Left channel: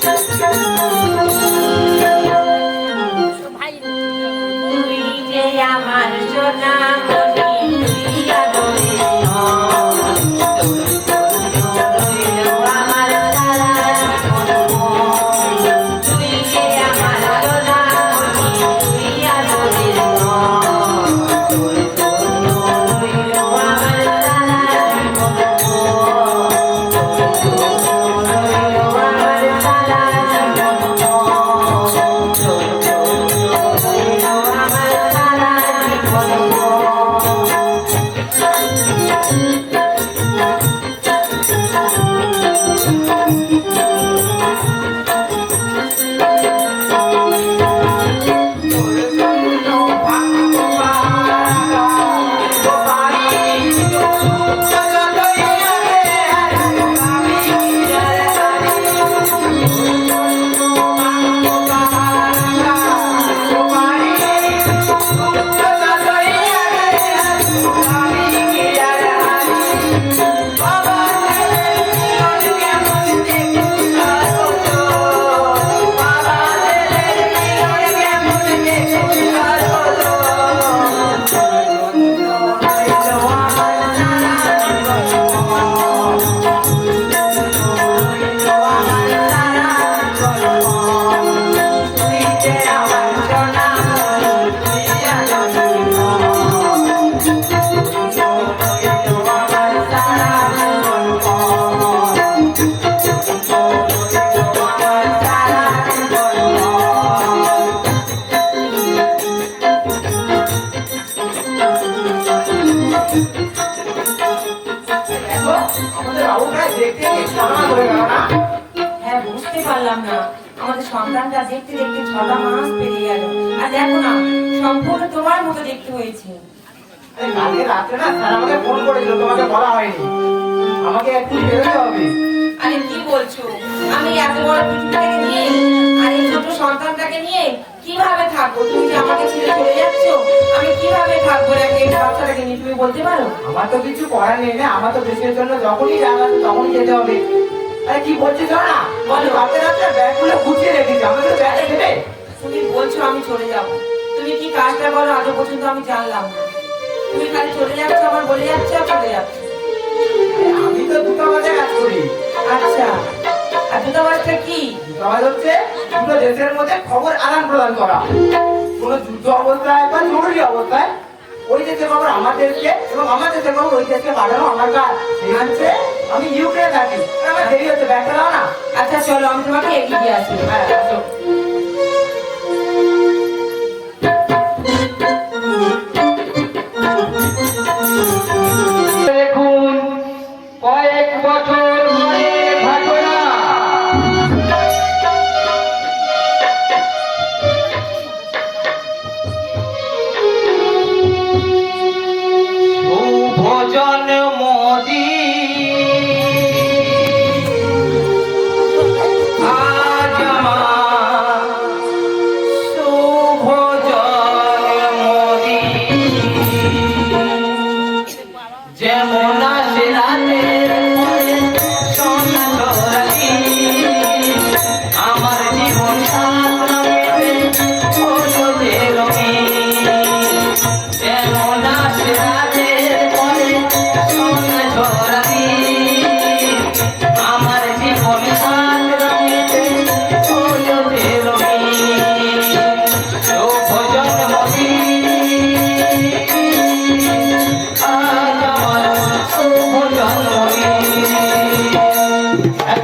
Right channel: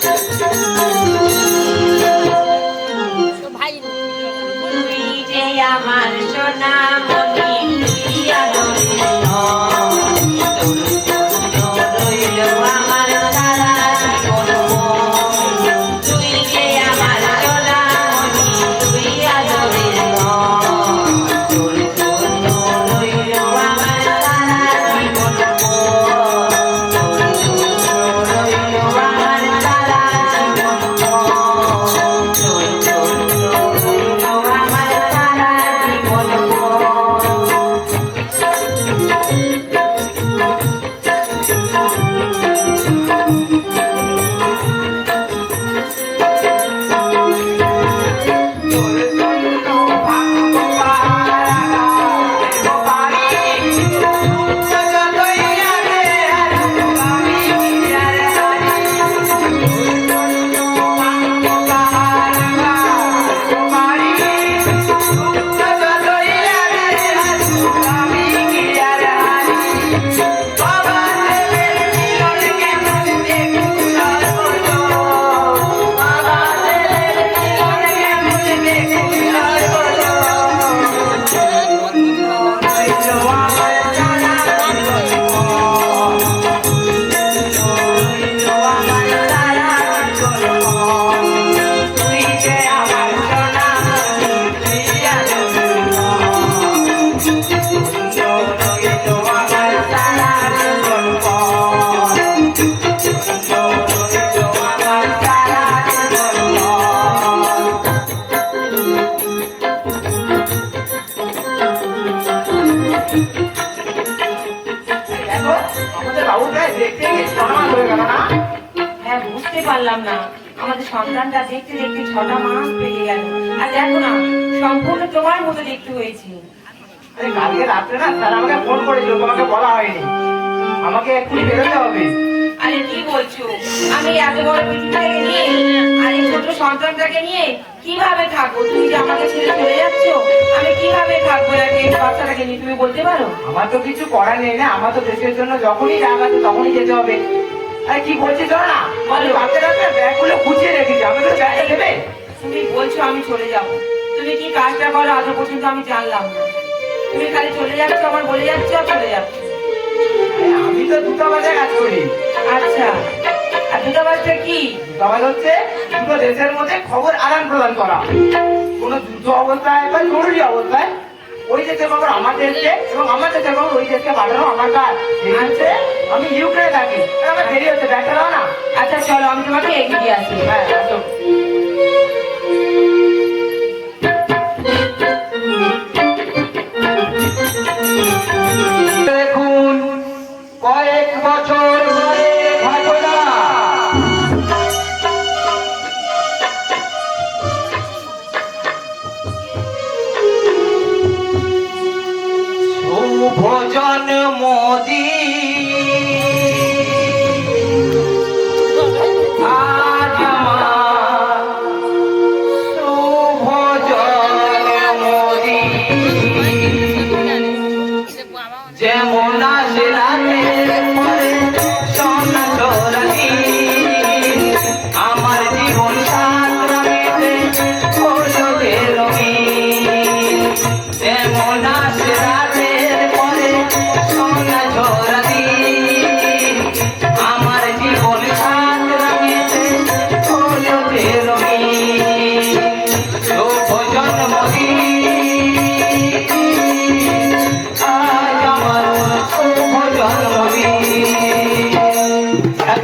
তুই আমাদের দেখতে দেখতে ছটা মাস পেরিয়ে গেল। আর দেখো না সম্পূর্ণ তোমার মতো দেখতে হয়েছে। কালকে রাত্রে না স্যার আমাকে ফোন করেছিল তোমাকে বলা হয়নি। আমাকে একটু বেরোতে হবে। আরে কি বলছো? আমি এত বড় পৃথিবীটাকে নিয়ে আর এই ছোট সন্তানটাকে নিয়ে কীভাবে থাকব? তুমি যে আমাকে ছেড়ে চলে যাচ্ছ আমি কীভাবে থাকব? এই বাচ্চাটাকে নিয়ে তুমি বলতে পারো? আমার তো কিছু করার নেই না আমার তো দেশের জন্য যখনই আছে তখনই যেতে হবে। আরে কি বলছি তো না? বলো রাতে রাতে ব্যাগগুলো গুছিয়ে রেখেছি আমাকে ব্যাগে দেবে। তুমি বলছো আমি চলে যাব। তুমি কি কাজটা করো আজও পর্যন্ত আমি জানলাম তুমি খালি চলে যাচ্ছ আমার বলে যাচ্ছ চলে যাচ্ছ। আমি তো দূতাবাসে কাজ করি। আচ্ছা আর দূতাবাসটা কি? দূতাবাস হচ্ছে দুটো দেশের মধ্যে খবর আদান প্রদান করা। কোনো যুদ্ধ অবস্থায় বা জরুরি অবস্থায় ওই দেশের খবর আমার দেশকে এবং আমার দেশের খবর ওই দেশকে পাঠানো আমার কাজ। হচ্ছে আমি ইউক্রেন থাকি। আমার দেরি হচ্ছে ব্যাগটা দাও না। আচ্ছা চলো, আমি তোমাকে এগিয়ে আসি। হ্যাঁ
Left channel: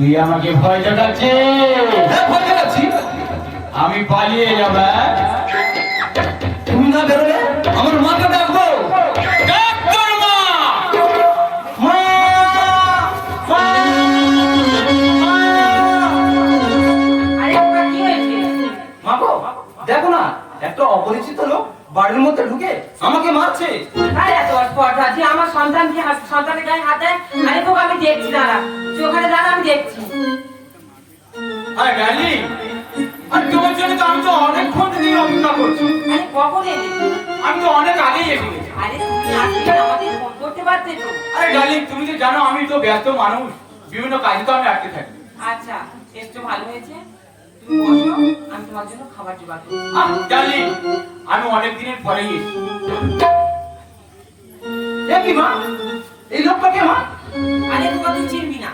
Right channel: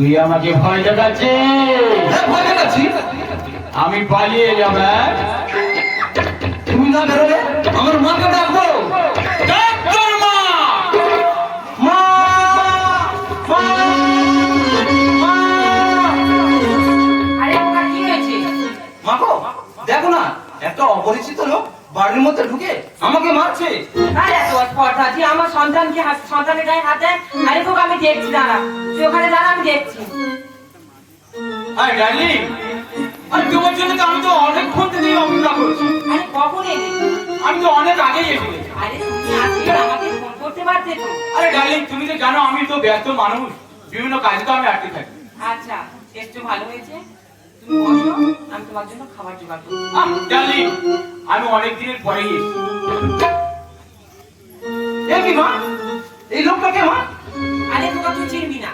তুই আমাকে ভয় দেখাচ্ছিস হ্যাঁ ভয় দেখাচ্ছি আমি পালিয়ে যাব হ্যাঁ? তুমি না বেরোলে আমার মাকে ডাকবো ডাক্তার মা মা মা! মা! আরে ওটা কি হয়েছে মা গো, দেখো না একটা অপরিচিত লোক বাড়ির মধ্যে ঢুকে আমাকে মারছে। আরে আমার সন্তানকে সন্তানের গায়ে হাত আরে খুব আমি দেখছি দাঁড়া। তুই ওখানে দাঁড়া আমি দেখছি। আরে ডালি আর তোমার জন্য তো আমি তো অনেকক্ষণ থেকে অপেক্ষা করছি। আরে কখন এলি? আমি তো অনেক আগেই এসে আরে তুমি আসলে আমাকে ফোন করতে পারতে তো। আরে ডালি তুমি তো জানো আমি তো ব্যস্ত মানুষ। বিভিন্ন কাজে তো আমি আটকে থাকি। আচ্ছা টেস্ট ভালো হয়েছে। তুমি বসো আমি তোমার জন্য খাবার জোগাড় করছি। আহ, আমি অনেক দিনের পরে এসেছি কি মা? এই লোকটাকে মা? আরে তোকে তুই চিনবি না।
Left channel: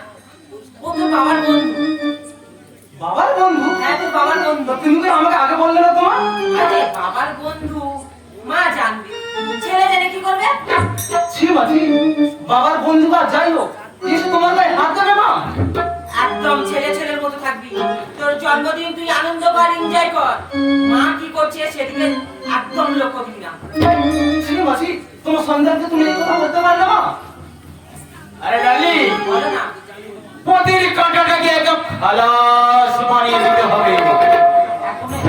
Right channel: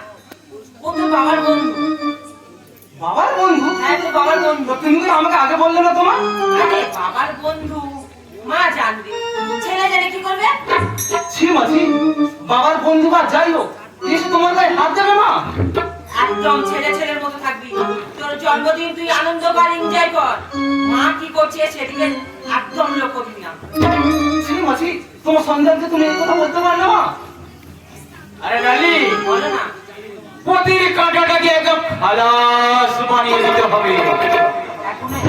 ও তো বাবার বন্ধু। বাবার বন্ধু? হ্যাঁ তোর বাবার বন্ধু। তুমি তো আমাকে আগে বললে না তোমার? আরে বাবার বন্ধু। মা জানবে। ছেলে জেনে কি করবে? ছি মাছি বাবার বন্ধু বা যাই হোক তোমার গায়ে হাত দেবে মা? একদম ছেলে ছেলের মতো থাকবি। তোর জন্মদিন তুই আনন্দ কর এনজয় কর। মা কি করছে সেদিকে একদম লক্ষ্য দিবি না। মাছি তোমার সন্তানকে তুমি কথা বলতে পারলে মা আরে ডালি। বলো না। প্রতির কাঁটাটাকে একদম খালাস বানিয়ে দিতে হবে।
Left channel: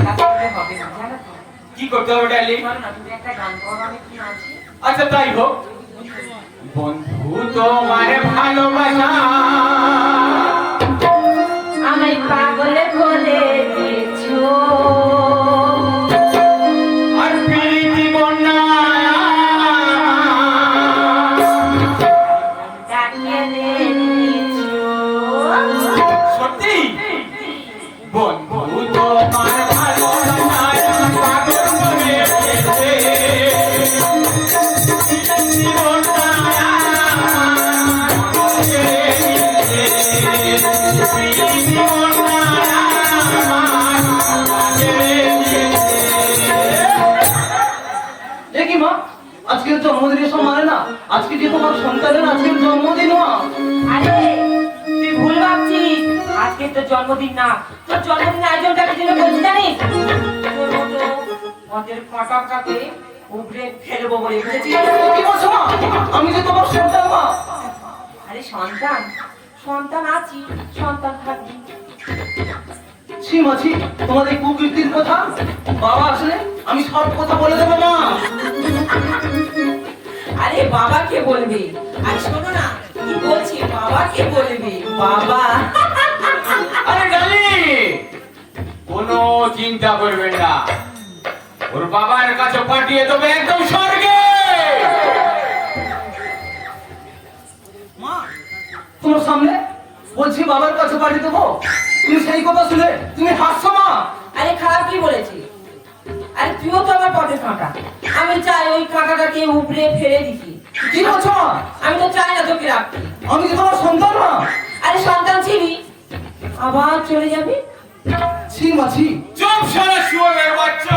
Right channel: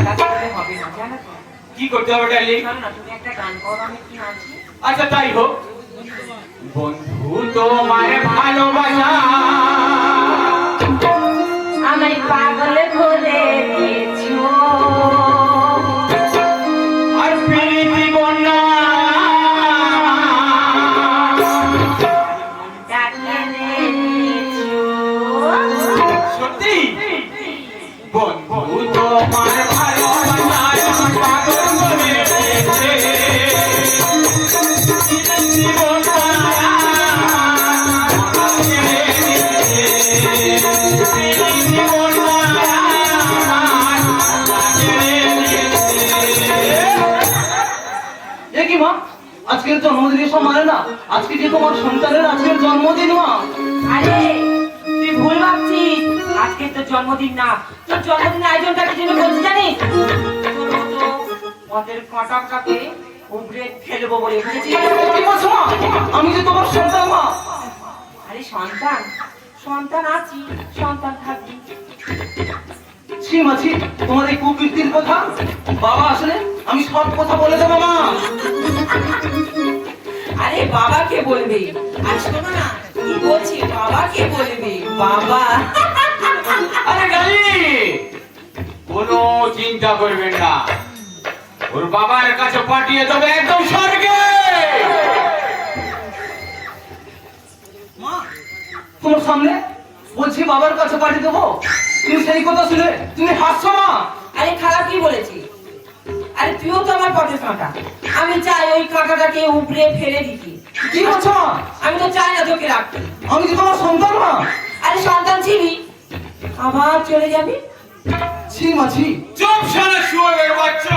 না কি করতে হবে ডালি? না আচ্ছা তাই হোক। বন্ধু তোমার আজকের জন্মদিন এসব মানে না? আজকে যে তোমার সন্তানের আজকের জন্মদিন মা। আরে তুই ভুল ভাবছিস। আজকে তোর জন্মদিন না। তোর জন্মদিন আয়োজনটাকে জন্য বলছি জানিস? ওদের কটকটাকে উপরে ফেলব বলে বুঝেছিস কি বলছো মা? আমি যে তোমার সন্তান মা। আরে সন্তান। সন্তান আছি সন্তান থাকবি। ছি মাছি তোমার এই কুকীর্তির কথা? বাবা আসলে আমি সব কথা বলে দেবো মা। আরে বাবাকে বলবে? আরে শোনো না কি বলছি? বাবাকে বলবে? বাবা। আরে গালি কোনো চিন্তা করবেন না। ওর বাবার কাছে পাঠিয়ে দেবে একদম স্বর্গে। মা তোমার সামনে বলছি বাবার কাছে পাঠিয়ে দেবো। তুমি সেই কথা শুনে তুমি হাসছো মা আরে খারাপ কি বলেছি তুইও তো আমার পথে ফাঁকা। আমি চাই ওই কাকাটাকে উপরে ফেলে দিতে। কি বলছো মা? আমি তো চাই না তোকে রাখতে। আমি কি তোমার সন্তান মা? আরে সন্তান চিনি। আবার চলে যাবি? ছি মাছি চুপ সারা শুয়ে বাচ্চা।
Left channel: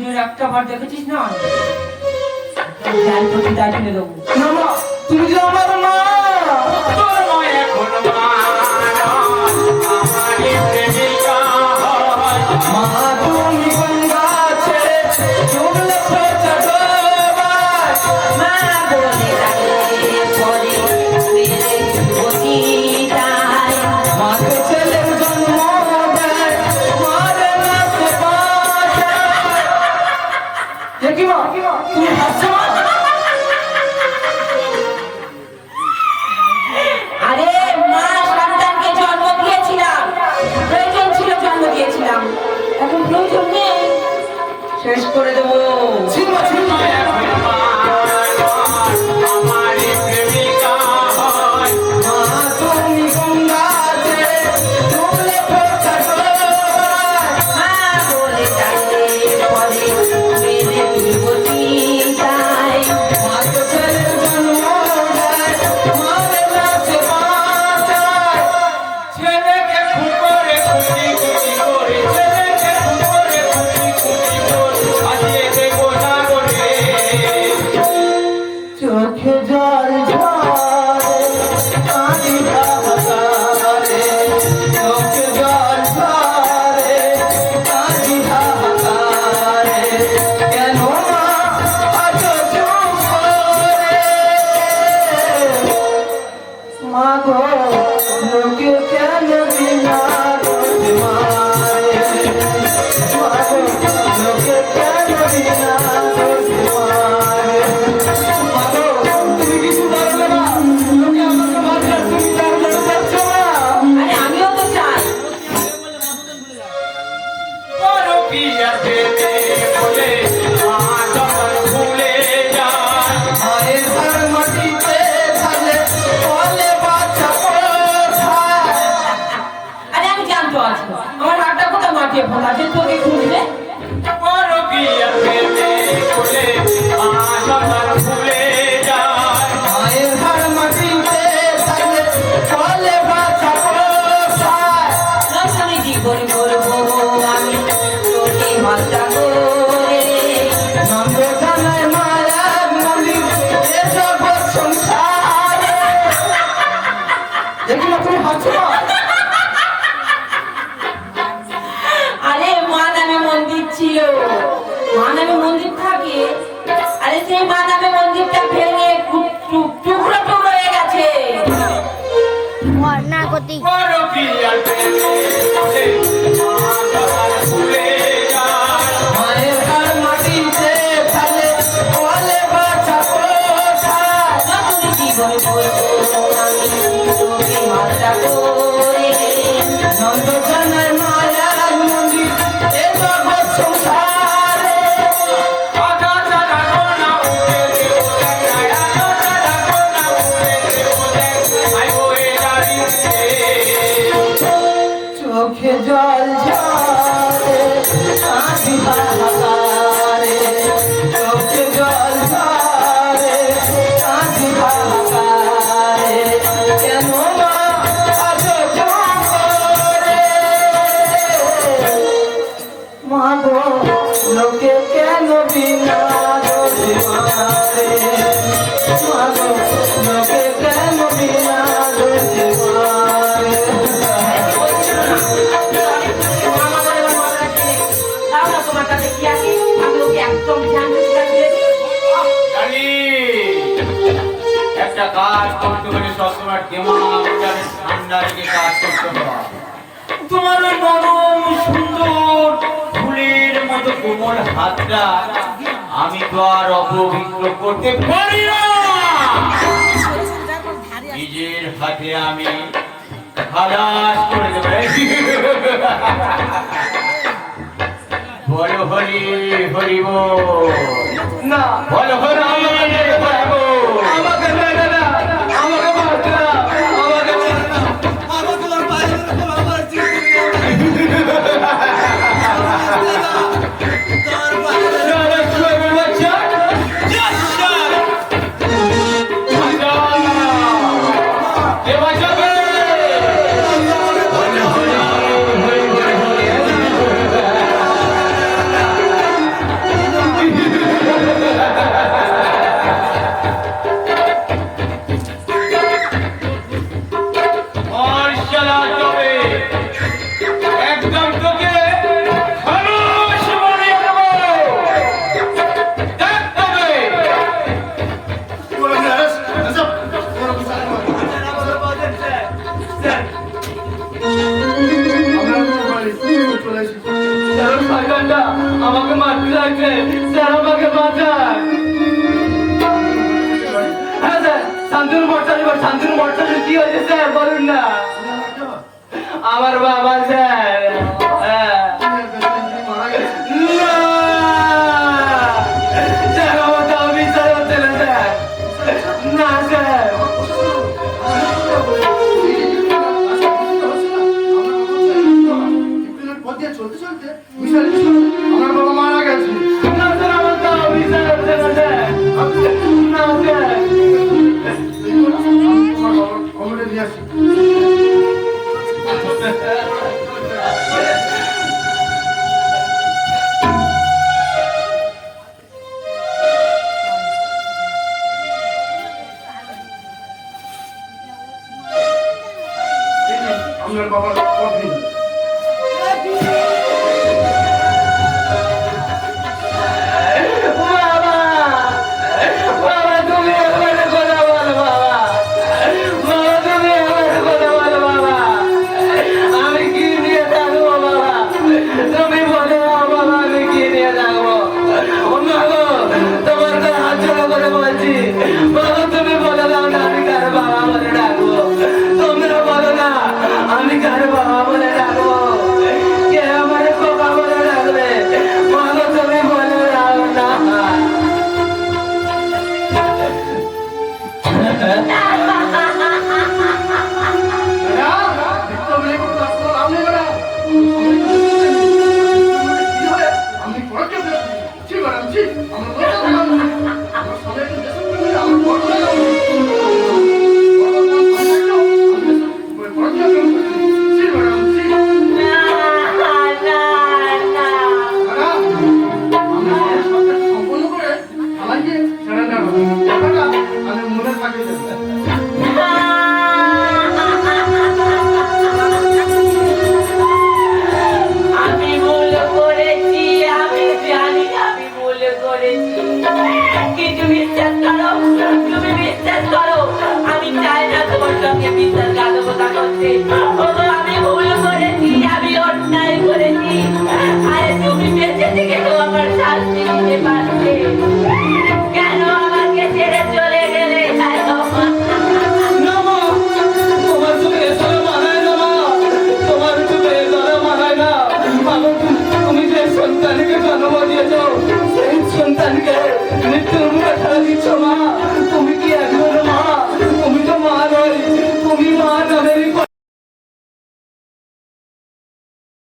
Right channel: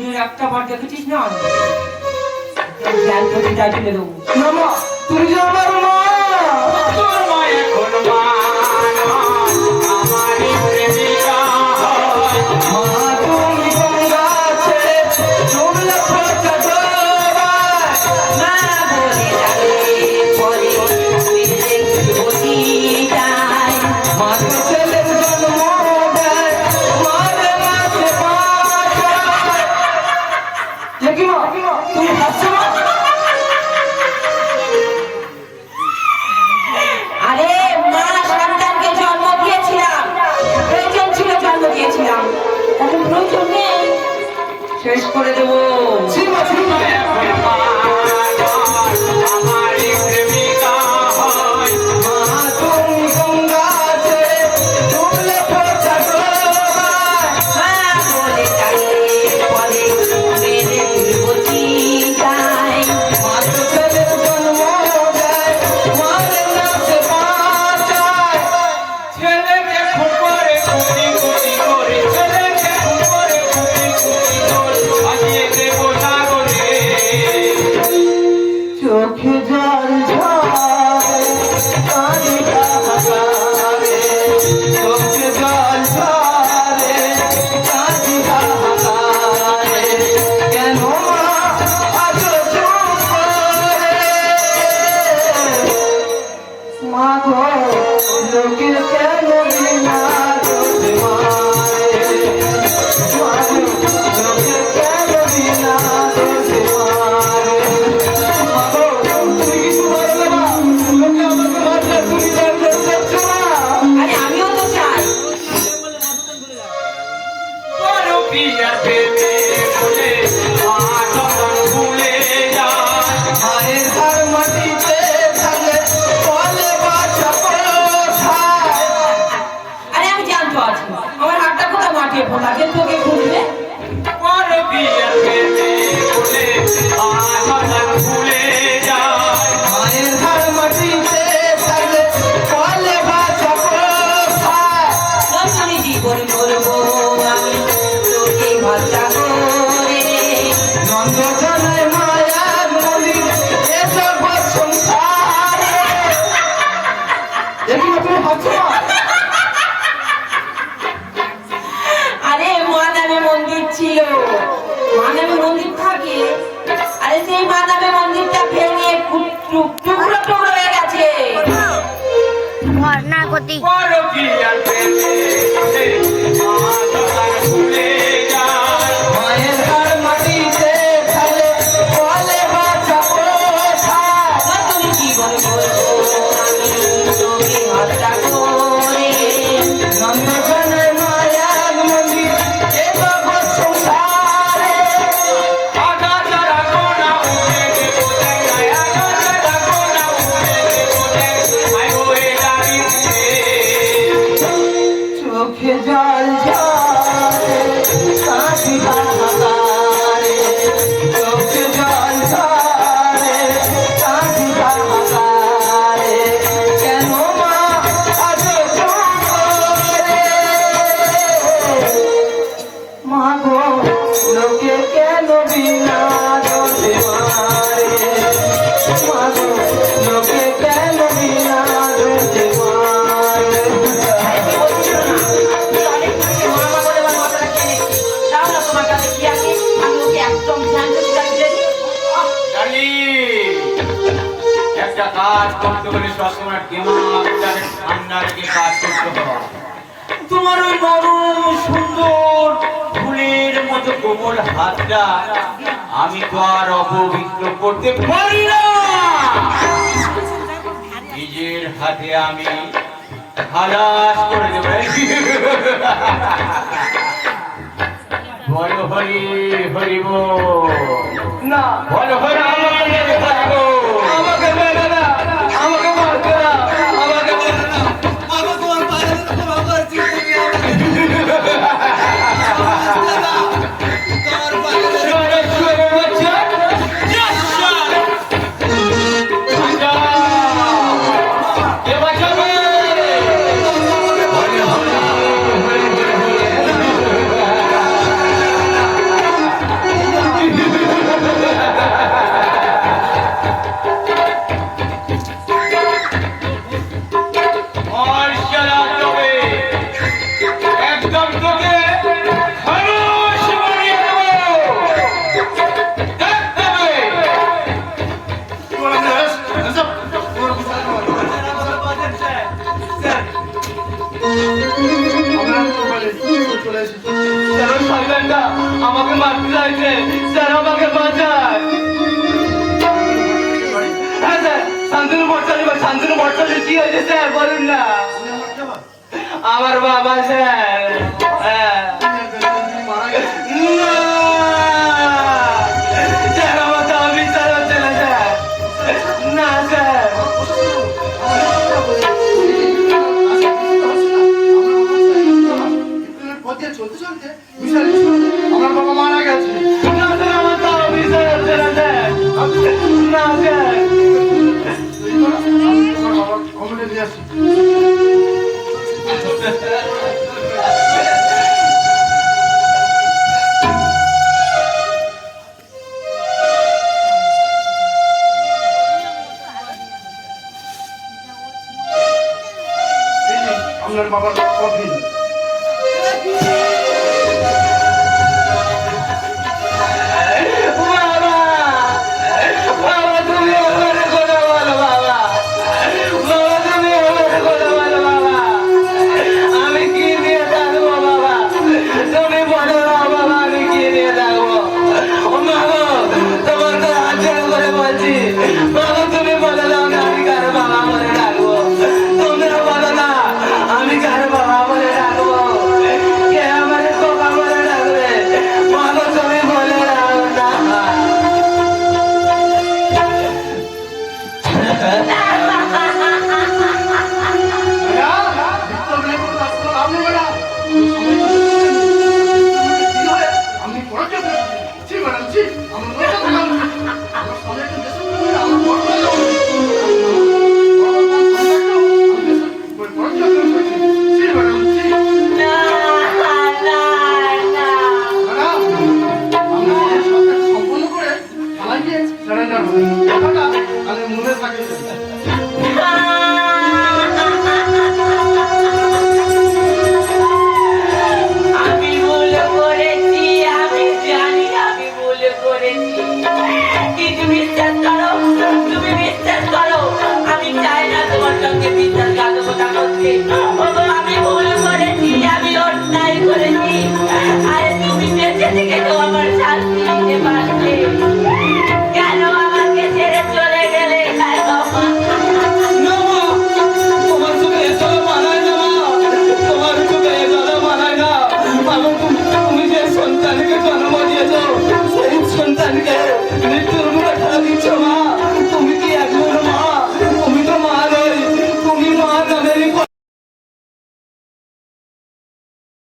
যদি একটা বার দেখেছিস না তুমি আমার মা করে দেবো। জীবন আমি তো আর অপবিত্র করতে পারি না। নিজের হাতে আমি খালাস করে দেব। বল হরি হরিব না। বল হরি হরিব কি হয়েছে স্যার? বলুন না। আমার বাবা স্যার।